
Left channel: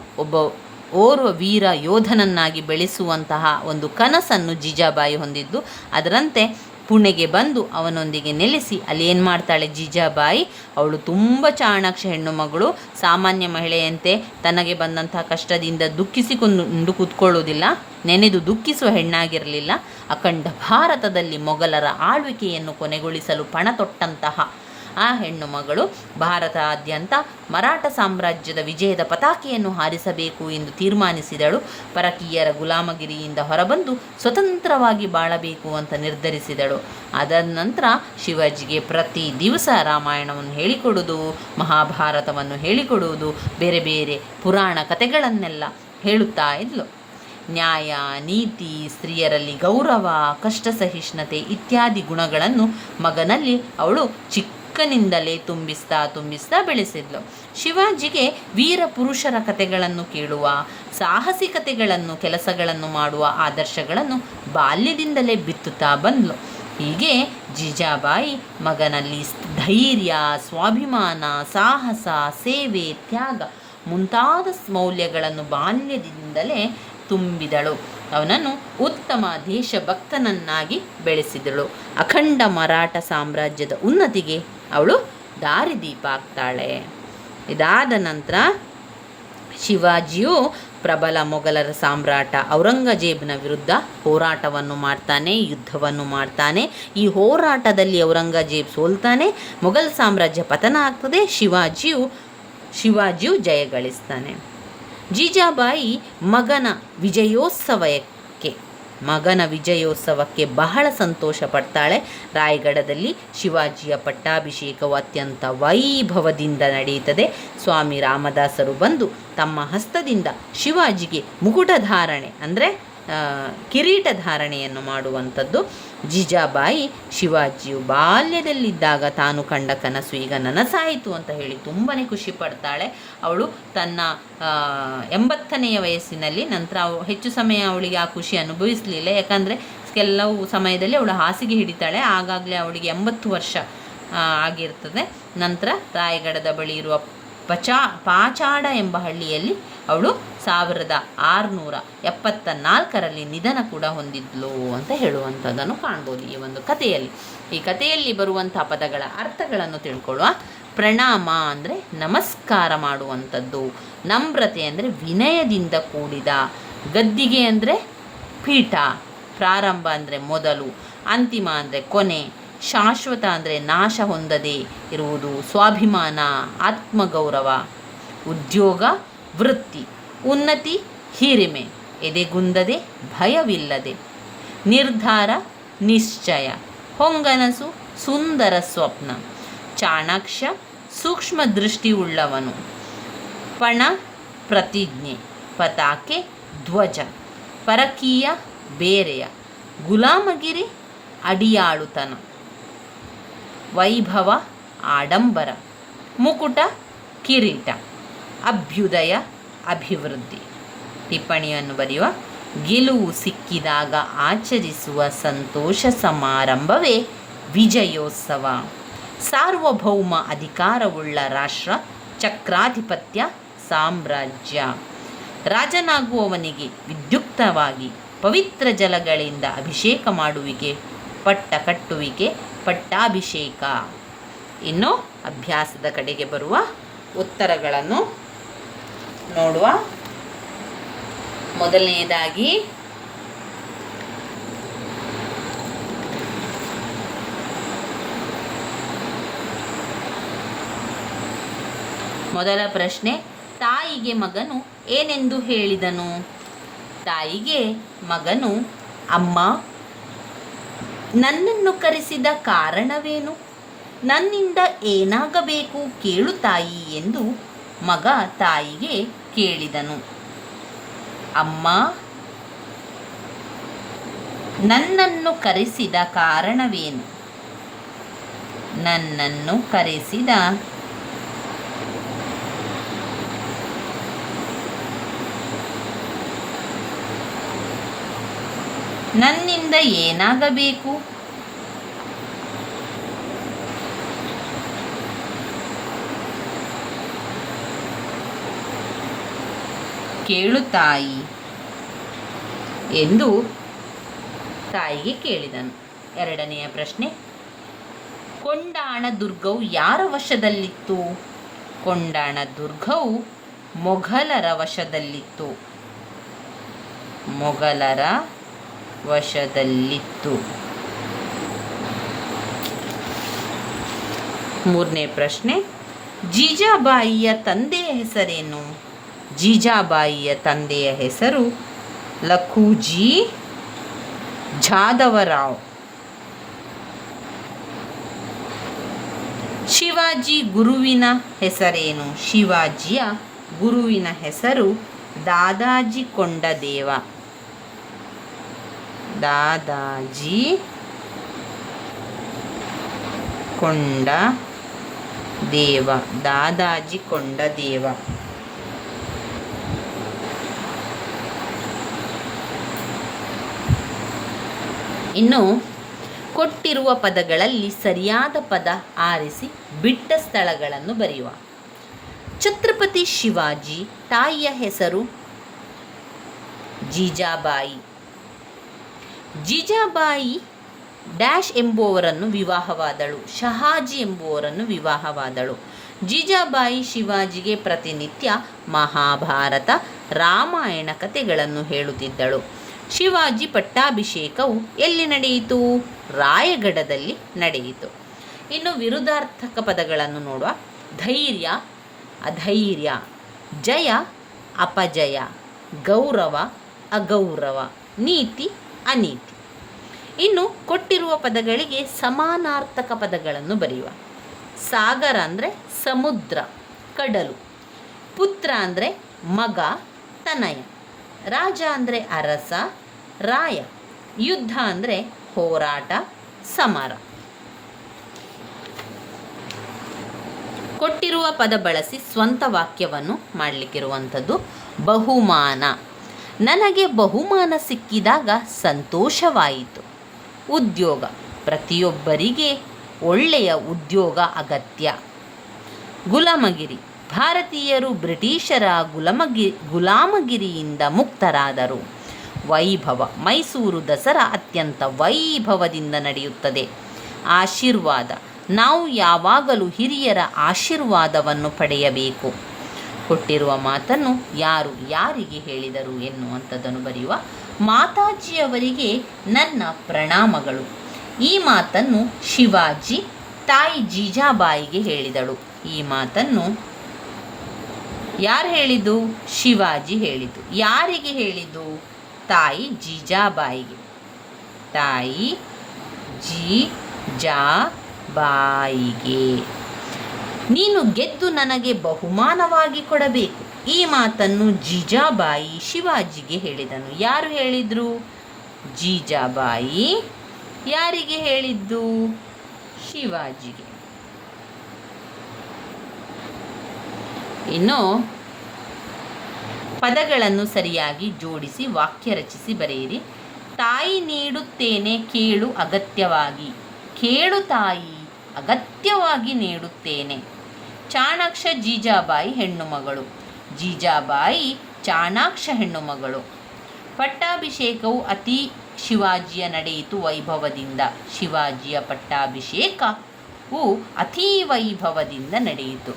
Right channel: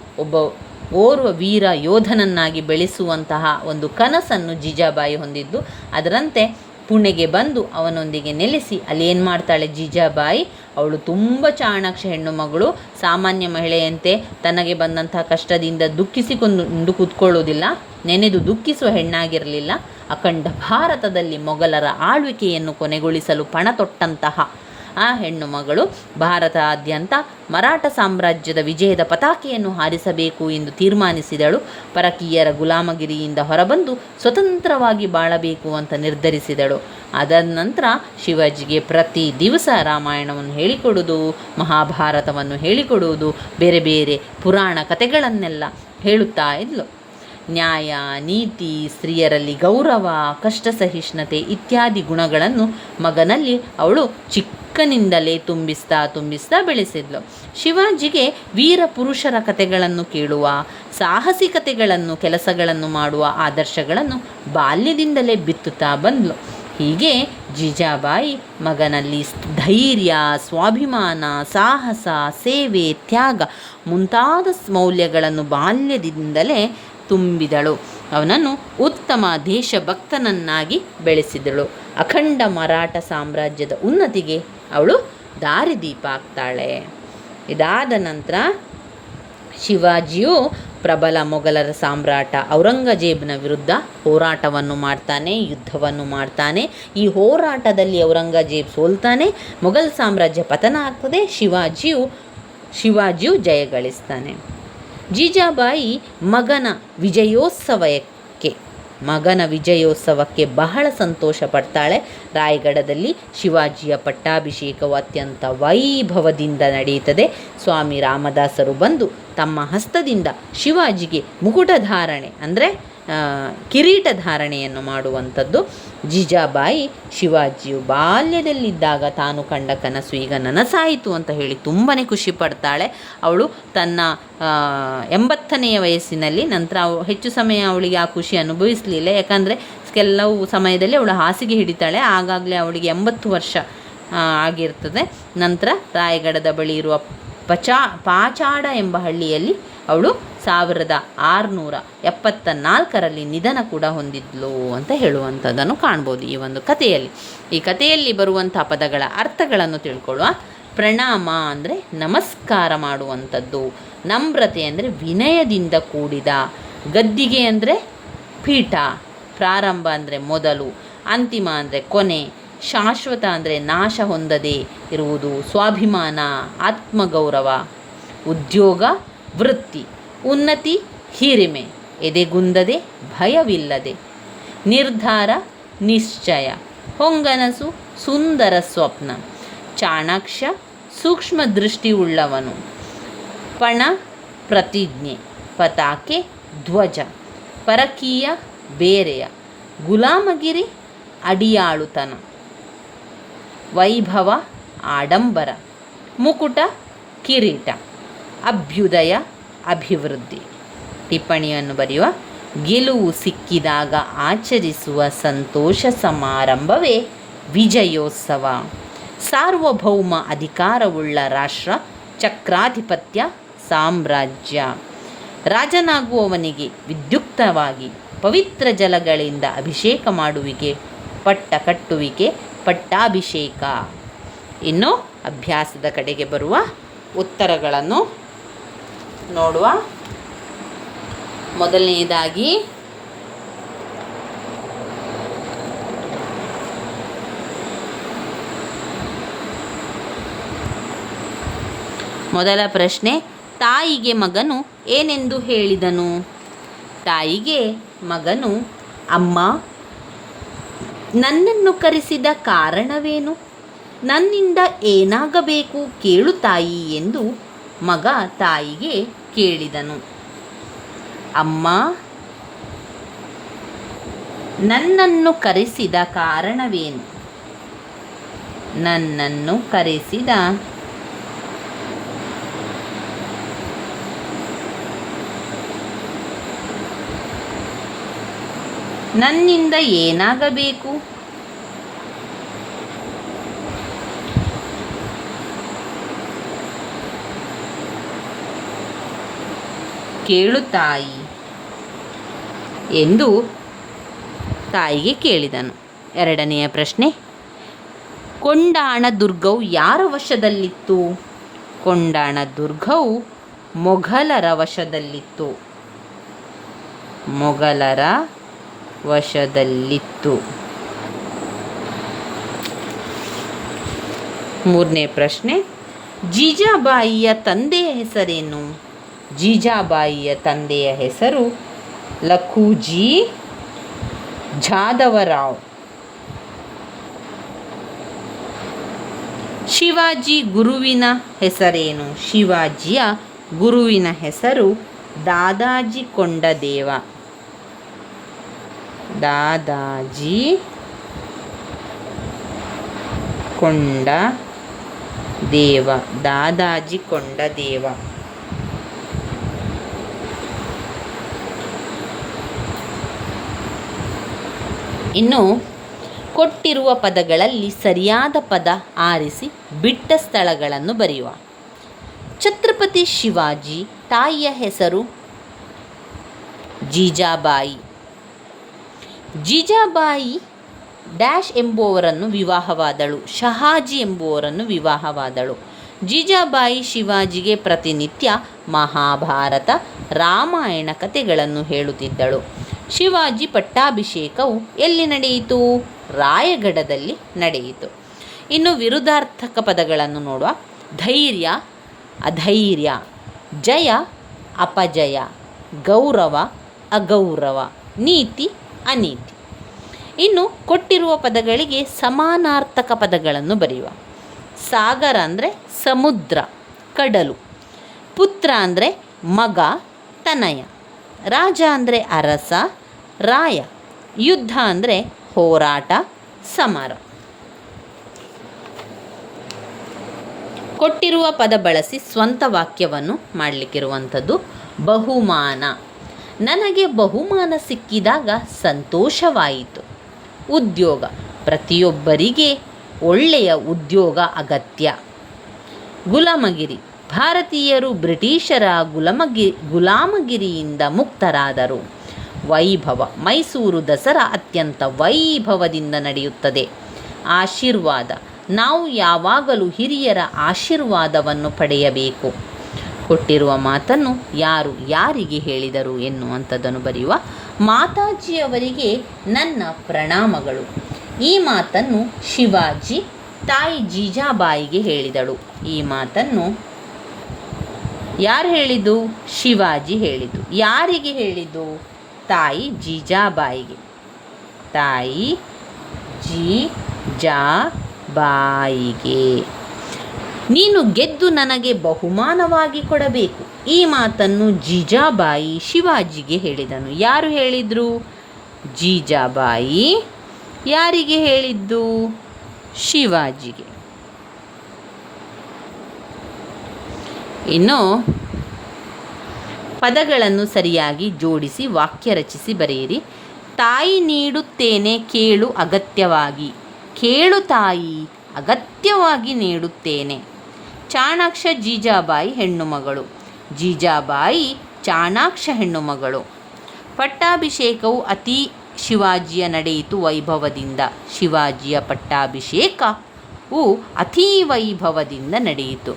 ಓರ್ವ ವೀರ ಯೋಧನನ್ನಾಗಿ ಬೆಳೆಸುವಂತಹ ಒಂದು ಕನಸನ್ನು ಜೀಜಾಬಾಯಿ ಹೊಂದಿದ್ದು, ಅದರಂತೆ ಪುಣೆಗೆ ಬಂದು ಅವನೊಂದಿಗೆ ನೆಲೆಸಿ ಅಲ್ಲಿ ಏನು ಮಾಡ್ತಾಳೆ ಜೀಜಾಬಾಯಿ, ಅವಳು ತುಂಬ ಚಾಣಾಕ್ಷ ಹೆಣ್ಣು ಮಗಳು. ಸಾಮಾನ್ಯ ಮಹಿಳೆಯಂತೆ ತನಗೆ ಬಂದಂತಹ ಕಷ್ಟದಿಂದ ದುಃಖಿಸಿಕೊಂಡು ಕೂತ್ಕೊಳ್ಳುವುದಿಲ್ಲ, ನೆನೆದು ದುಃಖಿಸುವ ಹೆಣ್ಣಾಗಿರಲಿಲ್ಲ. ಅಖಂಡ ಭಾರತದಲ್ಲಿ ಮೊಘಲರ ಆಳ್ವಿಕೆಯನ್ನು ಕೊನೆಗೊಳಿಸಲು ಪಣ ತೊಟ್ಟಂತಹ ಆ ಹೆಣ್ಣು ಮಗಳು ಭಾರತಾದ್ಯಂತ ಮರಾಠ ಸಾಮ್ರಾಜ್ಯದ ವಿಜಯದ ಪತಾಕೆಯನ್ನು ಹಾರಿಸಬೇಕು ಎಂದು ತೀರ್ಮಾನಿಸಿದಳು. ಪರಕೀಯರ ಗುಲಾಮಗಿರಿಯಿಂದ ಹೊರಬಂದು ಸ್ವತಂತ್ರವಾಗಿ ಬಾಳಬೇಕು ಅಂತ ನಿರ್ಧರಿಸಿದಳು. ಅದಾದ ನಂತರ ಶಿವಾಜಿಗೆ ಪ್ರತಿ ದಿವಸ ರಾಮಾಯಣವನ್ನು ಹೇಳಿಕೊಡುವುದು, ಮಹಾಭಾರತವನ್ನು ಹೇಳಿಕೊಡುವುದು, ಬೇರೆ ಬೇರೆ ಪುರಾಣ ಕಥೆಗಳನ್ನೆಲ್ಲ ಹೇಳುತ್ತಾ ಇದ್ಲು. ನ್ಯಾಯ, ನೀತಿ, ಸ್ತ್ರೀಯರಲ್ಲಿ ಗೌರವ, ಕಷ್ಟ ಸಹಿಷ್ಣುತೆ ಇತ್ಯಾದಿ ಗುಣಗಳನ್ನು ಮಗನಲ್ಲಿ ಅವಳು ಚಿಕ್ಕನಿಂದಲೇ ತುಂಬಿಸ್ತಾ ಬೆಳೆಸಿದ್ಲು. ಶಿವಾಜಿಗೆ ವೀರ ಪುರುಷರ ಕಥೆಗಳನ್ನು ಕೇಳುವ, ಸಾಹಸಿಕತೆಗಳನ್ನು, ಕೆಲಸಗಳನ್ನು ಮಾಡುವ ಆದರ್ಶಗಳನ್ನು ಬಾಲ್ಯದಿಂದಲೇ ಬಿತ್ತುತ್ತಾ ಬಂದ್ಲು. ಹೀಗೆ ಜೀಜಾಬಾಯಿ ಮಗನಲ್ಲಿ ಧೈರ್ಯ, ಸ್ವಾಭಿಮಾನ, ಸಾಹಸ, ಸೇವೆ, ತ್ಯಾಗ ಮುಂತಾದ ಮೌಲ್ಯಗಳನ್ನು ಬಾಲ್ಯದಿಂದಲೇ ತುಂಬಿದಳು. ಅವನನ್ನು ಉತ್ತಮ ದೇಶಭಕ್ತನನ್ನಾಗಿ ಬೆಳೆಸಿದಳು. ಅಖಂಡ ಮರಾಠ ಸಾಮ್ರಾಜ್ಯದ ಉನ್ನತಿಗೆ ಅವಳು ದಾರಿದೀಪ ಆಗ್ತಾಳೆ. ಇದಾದ ನಂತರ ಶಿವಾಜಿಯು ಪ್ರಬಲ ಮೊಘಲರ ಸಾಮ್ರಾಟ ಔರಂಗಜೇಬನ ವಿರುದ್ಧ ಹೋರಾಟವನ್ನು ಮಾಡ್ತಾನೆ, ಯುದ್ಧವನ್ನು ಮಾಡ್ತಾನೆ. ಈ ಹೋರಾಟದಲ್ಲಿ ಔರಂಗಜೇಬ್ ಸೋಲ್ತಾನೆ, ಮೊಘಲ್ ಸಾಮ್ರಾಜ್ಯ ಪತನ ಆಗ್ತದೆ. ಶಿವಾಜಿಯು ಜಯಗಳಿಸ್ತಾನೆ. ಜೀಜಾಬಾಯಿ ಮಗನ ವಿಜಯೋತ್ಸವಕ್ಕೆ ಬಹಳ ಸಂತೋಷ ಪಡ್ತಾಳೆ. ರಾಯಗಢದಲ್ಲಿ ಶಿವಾಜಿಯ ಪಟ್ಟಾಭಿಷೇಕವು ಅತ್ಯಂತ ವೈಭವದಿಂದ ನಡೆಯುತ್ತದೆ. ಸ್ವಾಮಿ ರಾಮದಾಸರು ಬಂದು ತಮ್ಮ ಹಸ್ತದಿಂದ ಶಿವಾಜಿಗೆ ಮುಕುಟಧಾರಣೆ ಅಂದರೆ ಕಿರೀಟ ಧಾರಣೆಯನ್ನು ಮಾಡುವಂಥದ್ದು. ಜೀಜಾಬಾಯಿ ಶಿವಾಜಿಯು ಬಾಲ್ಯದಲ್ಲಿದ್ದಾಗ ತಾನು ಕಂಡ ಕನಸು ಈಗ ನನಸಾಯಿತು ಅಂತ ಹೇಳಿ ತುಂಬಾ ಖುಷಿ ಪಡ್ತಾಳೆ. ಅವಳು ತನ್ನ 80ನೇ ವಯಸ್ಸಿನಲ್ಲಿ, ನಂತರ ಹೆಚ್ಚು ಸಮಯ ಅವಳಿಗೆ ಆ ಖುಷಿ ಅನುಭವಿಸಲಿಲ್ಲ. ಯಾಕಂದರೆ ಕೆಲವು ಸಮಯದಲ್ಲಿ ಅವಳು ಹಾಸಿಗೆ ಹಿಡಿತಾಳೆ. ಆಗಾಗಲೇ ಅವಳಿಗೆ 80 ವರ್ಷ ಆಗಿರ್ತದೆ. ನಂತರ ರಾಯಗಢದ ಬಳಿ ಇರುವ ಪಾಚಾಡ ಎಂಬ ಹಳ್ಳಿಯಲ್ಲಿ ಅವಳು 1674ರಲ್ಲಿ ನಿಧನ ಕೂಡ ಹೊಂದಿದ್ಲು ಅಂತ ಹೇಳುವಂಥದ್ದನ್ನು ಕಾಣ್ಬೋದು ಈ ಒಂದು ಕಥೆಯಲ್ಲಿ. ಈ ಕಥೆಯಲ್ಲಿ ಬರುವಂಥ ಪದಗಳ ಅರ್ಥಗಳನ್ನು ತಿಳ್ಕೊಳ್ಳುವ. ಪ್ರಣಾಮ ಅಂದರೆ ನಮಸ್ಕಾರ ಮಾಡುವಂಥದ್ದು, ನಮ್ರತೆ ಅಂದರೆ ವಿನಯದಿಂದ ಕೂಡಿದ, ಗದ್ದಿಗೆ ಅಂದರೆ ಪೀಠ, ಪ್ರಾರಂಭ ಅಂದರೆ ಮೊದಲು, ಅಂತಿಮ ಅಂದರೆ ಕೊನೆ, ಶಾಶ್ವತ ಅಂದರೆ ನಾಶ ಹೊಂದದೆ ಇರುವುದು, ಸ್ವಾಭಿಮಾನ ಆತ್ಮಗೌರವ, ಉದ್ಯೋಗ ವೃತ್ತಿ, ಉನ್ನತಿ ಹಿರಿಮೆ, ಎದೆಗುಂದದೆ ಭಯವಿಲ್ಲದೆ, ನಿರ್ಧಾರ ನಿಶ್ಚಯ, ಹೊಂಗನಸು ಸುಂದರ ಸ್ವಪ್ನ. ಚಾಣಾಕ್ಷ ಸೂಕ್ಷ್ಮ ದೃಷ್ಟಿಯುಳ್ಳವನು. ಪಣ ಪ್ರತಿಜ್ಞೆ. ಪತಾಕೆ ಧ್ವಜ. ಪರಕೀಯ ಬೇರೆಯ. ಗುಲಾಮಗಿರಿ ಅಡಿಯಾಳುತನ. ವೈಭವ ಆಡಂಬರ. ಮುಕುಟ ಕಿರೀಟ. ಅಭ್ಯುದಯ ಅಭಿವೃದ್ಧಿ. ಟಿಪ್ಪಣಿಯನ್ನು ಬರೆಯುವ. ಗೆಲುವು ಸಿಕ್ಕಿದಾಗ ಆಚರಿಸುವ ಸಂತೋಷ ಸಮಾರಂಭವೇ ವಿಜಯೋತ್ಸವ. ಸಾರ್ವಭೌಮ ಅಧಿಕಾರವುಳ್ಳ ರಾಷ್ಟ್ರ. ಚಕ್ರಾಧಿಪತ್ಯ ಸಾಮ್ರಾಜ್ಯ. ರಾಜನಾಗುವವನಿಗೆ ವಿದ್ಯುಕ್ತವಾಗಿ ಪವಿತ್ರ ಜಲಗಳಿಂದ ಅಭಿಷೇಕ ಮಾಡುವಿಕೆ, ಪಟ್ಟ ಕಟ್ಟುವಿಕೆ, ಪಟ್ಟಾಭಿಷೇಕ. ಇನ್ನು ಅಭ್ಯಾಸದ ಕಡೆಗೆ ಬರುವ ಉತ್ತರಗಳನ್ನು ನೋಡುವ. ಮೊದಲನೆಯದಾಗಿ ಮೊದಲ ಪ್ರಶ್ನೆ, ತಾಯಿಗೆ ಮಗನು ಏನೆಂದು ಹೇಳಿದನು? ತಾಯಿಗೆ ಮಗನು, ಅಮ್ಮ, ನನ್ನನ್ನು ಕರೆಸಿದ ಕಾರಣವೇನು? ನನ್ನಿಂದ ಏನಾಗಬೇಕು ಕೇಳು ತಾಯಿ ಎಂದು ಮಗ ತಾಯಿಗೆ ಕೇಳಿದನು. ಅಮ್ಮ, ನನ್ನನ್ನು ಕರೆಸಿದ ಕಾರಣವೇನು? ನನ್ನನ್ನು ಕರೆಸಿದ ನನ್ನಿಂದ ಏನಾಗಬೇಕು? ಕೇಳು ತಾಯಿ ಎಂದು ತಾಯಿಗೆ ಕೇಳಿದನು. ಎರಡನೆಯ ಪ್ರಶ್ನೆ, ಕೊಂಡಾಣ ದುರ್ಗವು ಯಾರ ವಶದಲ್ಲಿತ್ತು? ಕೊಂಡಾಣ ದುರ್ಗವು ಮೊಘಲರ ವಶದಲ್ಲಿತ್ತು. ಮೊಘಲರ ವಶದಲ್ಲಿತ್ತು. ಮೂರನೇ ಪ್ರಶ್ನೆ, ಜೀಜಾಬಾಯಿಯ ತಂದೆಯ ಹೆಸರೇನು? ಜೀಜಾಬಾಯಿಯ ತಂದೆಯ ಹೆಸರು ಲಖುಜಿ ಜಾದವರಾವ್. ಶಿವಾಜಿ ಗುರುವಿನ ಹೆಸರೇನು? ಶಿವಾಜಿಯ ಗುರುವಿನ ಹೆಸರು ದಾದಾಜಿ ಕೊಂಡದೇವ. ದಾದಾಜಿ ಕೊಂಡದೇವ. ದಾದಾಜಿ ಕೊಂಡದೇವ. ಇನ್ನು ಕೊಟ್ಟಿರುವ ಪದಗಳಲ್ಲಿ ಸರಿಯಾದ ಪದ ಆರಿಸಿ ಬಿಟ್ಟ ಸ್ಥಳಗಳನ್ನು ಬರೆಯುವ. ಛತ್ರಪತಿ ಶಿವಾಜಿ ತಾಯಿಯ ಹೆಸರು ಜೀಜಾಬಾಯಿ. ಜೀಜಾಬಾಯಿ ಡ್ಯಾಶ್ ಎಂಬುವವರನ್ನು ವಿವಾಹವಾದಳು. ಶಹಾಜಿ ಎಂಬುವರನ್ನು ವಿವಾಹವಾದಳು. ಜೀಜಾಬಾಯಿ ಶಿವಾಜಿಗೆ ಪ್ರತಿನಿತ್ಯ ಮಹಾಭಾರತ, ರಾಮಾಯಣ ಕಥೆಗಳನ್ನು ಹೇಳುತ್ತಿದ್ದಳು. ಶಿವಾಜಿ ಪಟ್ಟಾಭಿಷೇಕವು ಎಲ್ಲಿ ನಡೆಯಿತು? ರಾಯಗಢದಲ್ಲಿ ನಡೆಯಿತು. ಇನ್ನು ವಿರುದ್ಧಾರ್ಥಕ ಪದಗಳನ್ನು ನೋಡುವ. ಧೈರ್ಯ ಅಧೈರ್ಯ. ಜಯ ಅಪಜಯ. ಗೌರವ ಅಗೌರವ. ನೀತಿ ಅನೀತಿ. ಇನ್ನು ಕೊಟ್ಟಿರುವ ಪದಗಳಿಗೆ ಸಮಾನಾರ್ಥಕ ಪದಗಳನ್ನು ಬರೆಯುವ. ಸಾಗರ ಅಂದರೆ ಸಮುದ್ರ, ಕಡಲು. ಪುತ್ರ ಅಂದರೆ ಮಗ, ತನಯ. ರಾಜ ಅಂದರೆ ಅರಸ, ರಾಯ. ಯುದ್ಧ ಅಂದರೆ ಹೋರಾಟ, ಸಮರ. ಕೊಟ್ಟಿರುವ ಪದ ಬಳಸಿ ಸ್ವಂತ ವಾಕ್ಯವನ್ನು ಮಾಡಲಿಕ್ಕಿರುವಂಥದ್ದು. ಬಹುಮಾನ. ನನಗೆ ಬಹುಮಾನ ಸಿಕ್ಕಿದಾಗ ಸಂತೋಷವಾಯಿತು. ಉದ್ಯೋಗ. ಪ್ರತಿಯೊಬ್ಬರಿಗೆ ಒಳ್ಳೆಯ ಉದ್ಯೋಗ ಅಗತ್ಯ. ಗುಲಾಮಗಿರಿ. ಭಾರತೀಯರು ಬ್ರಿಟಿಷರ ಗುಲಾಮಗಿರಿಯಿಂದ ಮುಕ್ತರಾದರು. ವೈಭವ. ಮೈಸೂರು ದಸರಾ ಅತ್ಯಂತ ವೈಭವದಿಂದ ನಡೆಯುತ್ತದೆ. ಆಶೀರ್ವಾದ. ನಾವು ಯಾವಾಗಲೂ ಹಿರಿಯರ ಆಶೀರ್ವಾದವನ್ನು ಪಡೆಯಬೇಕು. ಕೊಟ್ಟಿರುವ ಮಾತನ್ನು ಯಾರು ಯಾರಿಗೆ ಹೇಳಿದರು ಎನ್ನುವಂಥದ್ದನ್ನು ಬರೆಯುವ. ಮಾತಾಜಿಯವರಿಗೆ ನನ್ನ ಪ್ರಣಾಮಗಳು. ಈ ಮಾತನ್ನು ಶಿವಾಜಿ ತಾಯಿ ಜೀಜಾಬಾಯಿಗೆ ಹೇಳಿದಳು. ಈ ಮಾತನ್ನು ಯಾರು ಹೇಳಿದ್ದು? ಶಿವಾಜಿ ಹೇಳಿದ್ದು. ಯಾರಿಗೆ ಹೇಳಿದ್ದು? ತಾಯಿ ಜೀಜಾಬಾಯಿಗೆ. ತಾಯಿ ಜೀಜಾಬಾಯಿಗೆ. ಬಾಯಿಗೆ. ನೀನು ಗೆದ್ದು ನನಗೆ ಬಹುಮಾನವಾಗಿ ಕೊಡಬೇಕು. ಈ ಮಾತನ್ನು ಜೀಜಾಬಾಯಿ ಶಿವಾಜಿಗೆ ಹೇಳಿದನು. ಯಾರು ಹೇಳಿದರು? ಜೀಜಾಬಾಯಿ ಯಾರಿಗೆ ಹೇಳಿದ್ದು? ಶಿವಾಜಿಗೆ. ಇನ್ನು ಪದಗಳನ್ನು ಸರಿಯಾಗಿ ಜೋಡಿಸಿ ವಾಕ್ಯ ರಚಿಸಿ ಬರೆಯಿರಿ. ತಾಯಿ ನೀಡುತ್ತೇನೆ ಕೇಳು ಅಗತ್ಯವಾಗಿ. ಕೇಳು ತಾಯಿ, ಅಗತ್ಯವಾಗಿ ನೀಡುತ್ತೇನೆ. ಚಾಣಾಕ್ಷ ಜೀಜಾಬಾಯಿ ಹೆಣ್ಣು ಮಗಳು. ಜೀಜಾಬಾಯಿ ಚಾಣಾಕ್ಷ ಹೆಣ್ಣು ಮಗಳು. ಪಟ್ಟಾಭಿಷೇಕವು ಅತಿ ಶಿವಾಜಿಯ ನಡೆಯಿತು ವೈಭವದಿಂದ. ಶಿವಾಜಿಯ ಪಟ್ಟಾಭಿಷೇಕವು ಅತಿ ವೈಭವದಿಂದ ನಡೆಯಿತು.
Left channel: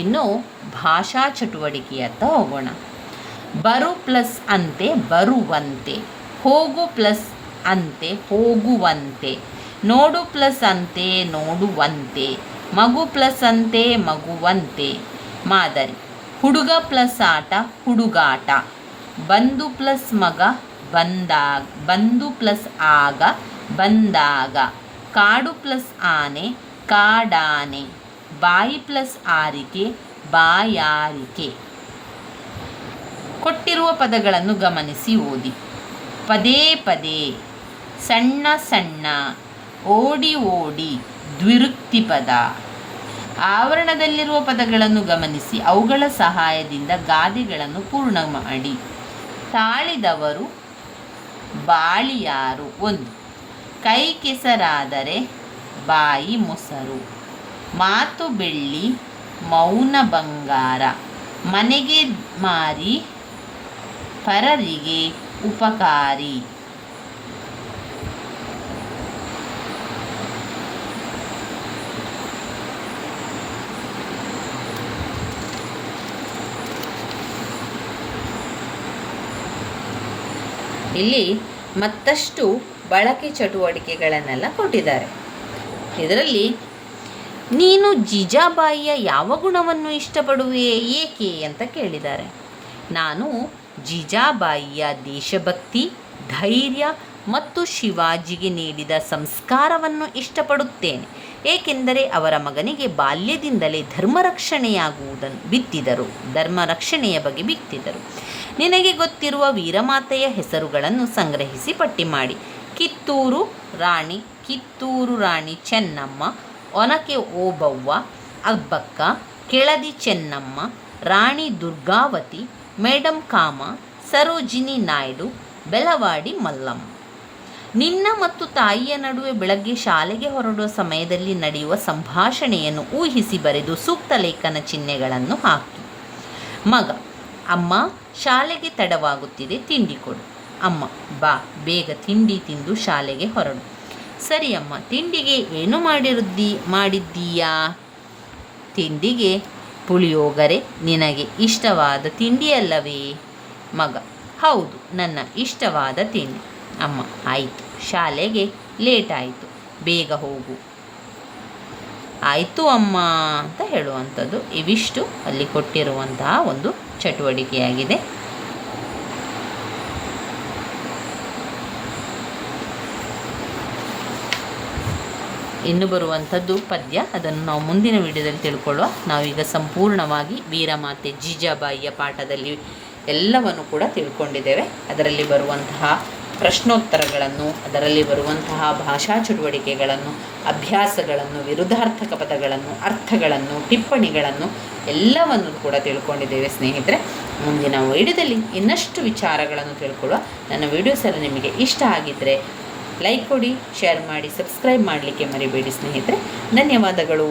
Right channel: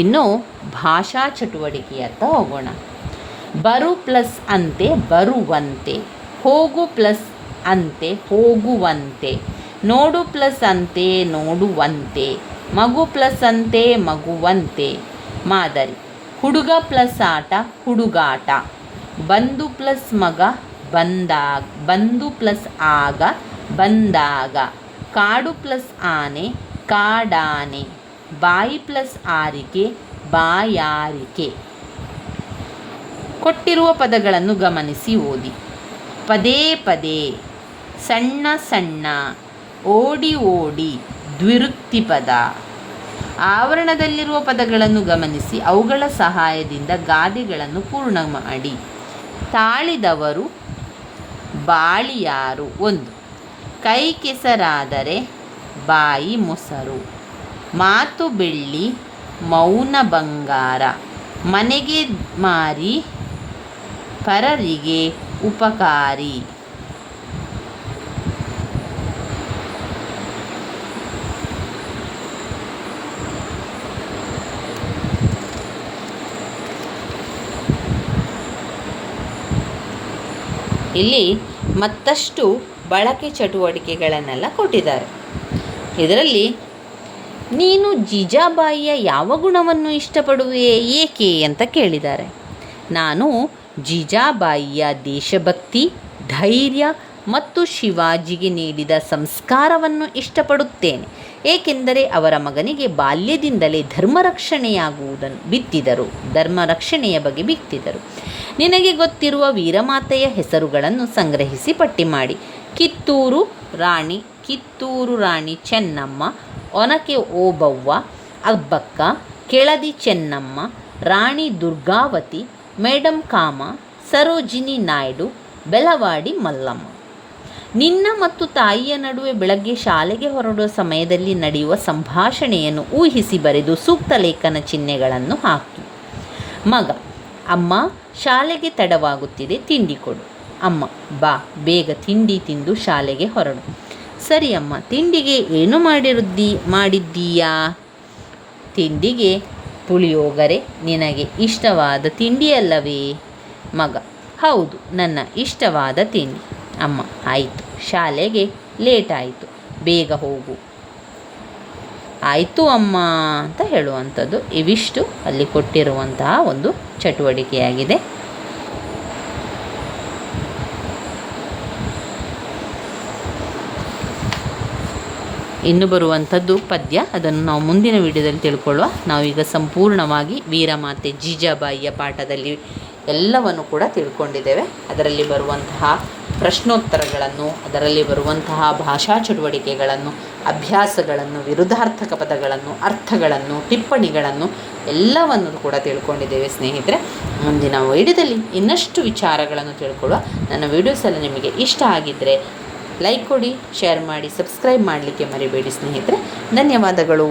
ಇನ್ನು ಭಾಷಾ ಚಟುವಟಿಕೆಯತ್ತ ಹೋಗೋಣ. ಬರು ಪ್ಲಸ್ ಅಂತೆ ಬರುವಂತೆ, ಹೋಗು ಪ್ಲಸ್ ಅಂತೆ ಹೋಗುವಂತೆ, ನೋಡು ಪ್ಲಸ್ ಅಂತೆ ನೋಡುವಂತೆ, ಮಗು ಪ್ಲಸ್ ಅಂತೆ ಮಗುವಂತೆ. ಮಾದರಿ: ಹುಡುಗ ಪ್ಲಸ್ ಆಟ ಹುಡುಗಾಟ, ಬಂಧು ಪ್ಲಸ್ ಮಗ ಬಂಧು ಪ್ಲಸ್ ಆಗ ಬಂದಾಗ, ಕಾಡು ಪ್ಲಸ್ ಆನೆ ಕಾಡಾನೆ, ಬಾಯಿ ಪ್ಲಸ್ ಆರಿಕೆ ಬಾಯಾರಿಕೆ. ಕೊಟ್ಟಿರುವ ಪದಗಳನ್ನು ಗಮನಿಸಿ ಓದಿ. ಪದೇ ಪದೇ, ಸಣ್ಣ ಸಣ್ಣ, ಓಡಿ ಓಡಿ, ದ್ವಿರುಕ್ತಿ ಪದ. ಆವರಣದಲ್ಲಿರುವ ಪದಗಳನ್ನು ಗಮನಿಸಿ ಅವುಗಳ ಸಹಾಯದಿಂದ ಗಾದೆಗಳನ್ನು ಪೂರ್ಣ ಮಾಡಿ. ತಾಳಿದವರು ಬಾಳಿಯಾರು. 1. ಕೈ ಕೆಸರಾದರೆ ಬಾಯಿ ಮೊಸರು. ಮಾತು ಬೆಳ್ಳಿ ಮೌನ ಬಂಗಾರ. ಮನೆಗೆ ಮಾರಿ ಪರರಿಗೆ ಉಪಕಾರಿ. ಇಲ್ಲಿ ಮತ್ತಷ್ಟು ಬಳಕೆ ಚಟುವಟಿಕೆಗಳನ್ನೆಲ್ಲ ಕೊಟ್ಟಿದ್ದಾರೆ. ಇದರಲ್ಲಿ ನೀನು ಜೀಜಾಬಾಯಿಯ ಯಾವ ಗುಣವನ್ನು ಇಷ್ಟಪಡುವೆ, ಏಕೆ ಅಂತ ಕೇಳಿದ್ದಾರೆ. ನಾನು ಜೀಜಾಬಾಯಿಯ ದೇಶಭಕ್ತಿ, ಧೈರ್ಯ ಮತ್ತು ಶಿವಾಜಿಗೆ ನೀಡಿದ ಸಂಸ್ಕಾರವನ್ನು ಇಷ್ಟಪಡುತ್ತೇನೆ. ಏಕೆಂದರೆ ಅವರ ಮಗನಿಗೆ ಬಾಲ್ಯದಿಂದಲೇ ಧರ್ಮರಕ್ಷಣೆಯ ಬಗ್ಗೆ ಬಿತ್ತಿದರು. ನಿನಗೆ ಗೊತ್ತಿರುವ ವೀರಮಾತೆಯ ಹೆಸರುಗಳನ್ನು ಸಂಗ್ರಹಿಸಿ ಪಟ್ಟಿ ಮಾಡಿ. ಕಿತ್ತೂರು ರಾಣಿ ಚೆನ್ನಮ್ಮ, ಒನಕೆ ಓಬವ್ವ, ಅಬ್ಬಕ್ಕ, ಕೆಳದಿ ಚೆನ್ನಮ್ಮ, ರಾಣಿ ದುರ್ಗಾವತಿ, ಮೇಡಂ ಕಾಮ, ಸರೋಜಿನಿ ನಾಯ್ಡು, ಬೆಳವಾಡಿ ಮಲ್ಲಮ್ಮ. ನಿನ್ನ ಮತ್ತು ತಾಯಿಯ ನಡುವೆ ಬೆಳಗ್ಗೆ ಶಾಲೆಗೆ ಹೊರಡುವ ಸಮಯದಲ್ಲಿ ನಡೆಯುವ ಸಂಭಾಷಣೆಯನ್ನು ಊಹಿಸಿ ಬರೆದು ಸೂಕ್ತ ಲೇಖನ ಚಿಹ್ನೆಗಳನ್ನು ಹಾಕಿ. ಮಗ: ಅಮ್ಮ, ಶಾಲೆಗೆ ತಡವಾಗುತ್ತಿದೆ, ತಿಂಡಿ ಕೊಡು. ಅಮ್ಮ: ಬಾ, ಬೇಗ ತಿಂಡಿ ತಿಂದು ಶಾಲೆಗೆ ಹೊರಡು. ಸರಿ ಅಮ್ಮ, ತಿಂಡಿಗೆ ಏನು ಮಾಡಿದ್ದೀಯಾ? ತಿಂಡಿಗೆ ಪುಳಿಯೋಗರೆ. ನಿನಗೆ ಇಷ್ಟವಾದ ತಿಂಡಿಯಲ್ಲವೇ? ಮಗ: ಹೌದು, ನನ್ನ ಇಷ್ಟವಾದ ತಿಂಡಿ. ಅಮ್ಮ: ಆಯಿತು, ಶಾಲೆಗೆ ಲೇಟ್ ಆಯಿತು, ಬೇಗ ಹೋಗು. ಆಯಿತು ಅಮ್ಮ ಅಂತ ಹೇಳುವಂಥದ್ದು. ಇವಿಷ್ಟು ಅಲ್ಲಿ ಕೊಟ್ಟಿರುವಂತಹ ಒಂದು ಚಟುವಟಿಕೆಯಾಗಿದೆ. ಇನ್ನು ಬರುವಂಥದ್ದು ಪದ್ಯ. ಅದನ್ನು ನಾವು ಮುಂದಿನ ವಿಡಿಯೋದಲ್ಲಿ ತಿಳ್ಕೊಳ್ಳುವ. ನಾವೀಗ ಸಂಪೂರ್ಣವಾಗಿ ವೀರಮಾತೆ ಜೀಜಾಬಾಯಿಯ ಪಾಠದಲ್ಲಿ ಎಲ್ಲವನ್ನು ಕೂಡ ತಿಳ್ಕೊಂಡಿದ್ದೇವೆ. ಅದರಲ್ಲಿ ಬರುವಂತಹ ಪ್ರಶ್ನೋತ್ತರಗಳನ್ನು, ಅದರಲ್ಲಿ ಬರುವಂತಹ ಭಾಷಾ ಚಟುವಟಿಕೆಗಳನ್ನು, ಅಭ್ಯಾಸಗಳನ್ನು, ವಿರುದ್ಧಾರ್ಥಕ ಪದಗಳನ್ನು, ಅರ್ಥಗಳನ್ನು, ಟಿಪ್ಪಣಿಗಳನ್ನು ಎಲ್ಲವನ್ನು ಕೂಡ ತಿಳ್ಕೊಂಡಿದ್ದೇವೆ ಸ್ನೇಹಿತರೆ. ಮುಂದಿನ ವಿಡಿಯೋದಲ್ಲಿ ಇನ್ನಷ್ಟು ವಿಚಾರಗಳನ್ನು ತಿಳ್ಕೊಳ್ಳುವ. ನನ್ನ ವಿಡಿಯೋಸ್ ಎಲ್ಲ ನಿಮಗೆ ಇಷ್ಟ ಆಗಿದ್ದರೆ ಲೈಕ್ ಕೊಡಿ, ಶೇರ್ ಮಾಡಿ, ಸಬ್ಸ್ಕ್ರೈಬ್ ಮಾಡಲಿಕ್ಕೆ ಮರಿಬೇಡಿ ಸ್ನೇಹಿತರೆ. ಧನ್ಯವಾದಗಳು.